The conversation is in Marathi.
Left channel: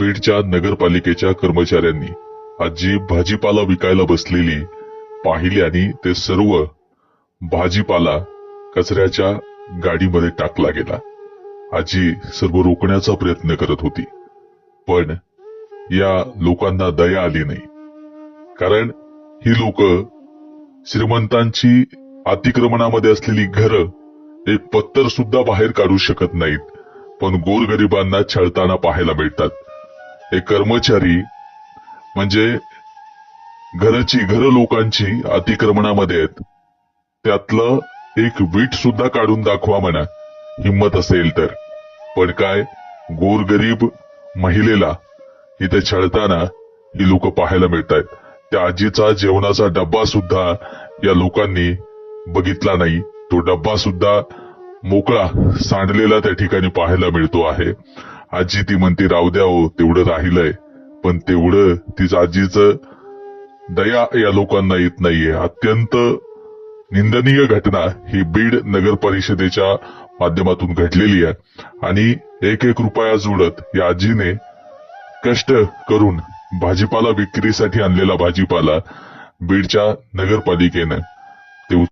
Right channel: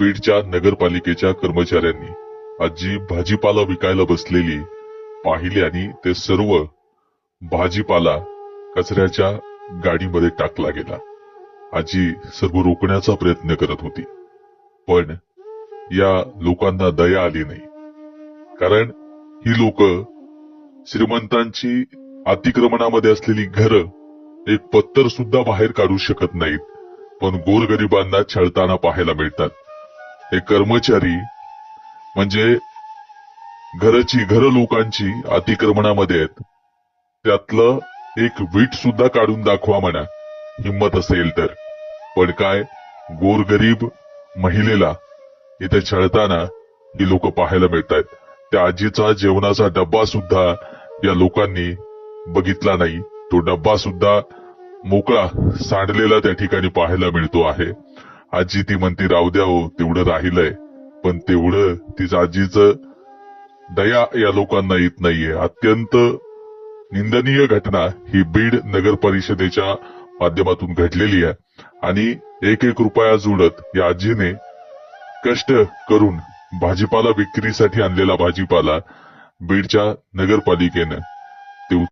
बीडच्या नगरपालिकेच्या कर्मचाऱ्यांनी आजी भाजीपाला विकायला बसलेली पाहिली आणि ते सर्व भाजीपाला कचऱ्याच्या गाडीमध्ये टाकला गेला। आजी सर्व रोखण्याचा प्रयत्न करत होती, पण या लोकांना दया आली नाही, कारण ही लोक श्रीमंतांची अतिक्रमणामध्ये असलेली घरं एक पत्तर सुद्धा बाहेर काढू शकत नाहीत, पण गोरगरिबांना छळताना पाहायला मिळतात। हे कर्मचारी म्हणजे घर लोकांची अतिक्रमणामध्ये आहेत, त्यातलं एक वीट सुद्धा काढून दाखवा म्हणा, हिम्मत असेल तर। पण काय, गोरगरीब महिलेला इथे छळताना ही लोक पाहायला मिळतात। त्या आजीचा जेवणाचा डब्बा सुद्धा या लोकांनी बघितला नाही, तो डब्बा सुद्धा मोकळा सांडलेला त्या ठिकाणी पाहायला मिळतो आहे। आजी ती म्हणते राहू द्या हो, तेवढं राहिलंय, पण तेवढं तिच्या आजीचं दया या लोकांना येत नाहीये। अत्यंत निंदनीय घटना ही बीड नगर परिषदेच्या माध्यमातून घडलेली आहे आणि एक रुपया जोडत या आजीने कष्ट करून भाजीपाला विक्रीसाठी आणलेला भाजीपाला बीडच्या नगरपालिकेनं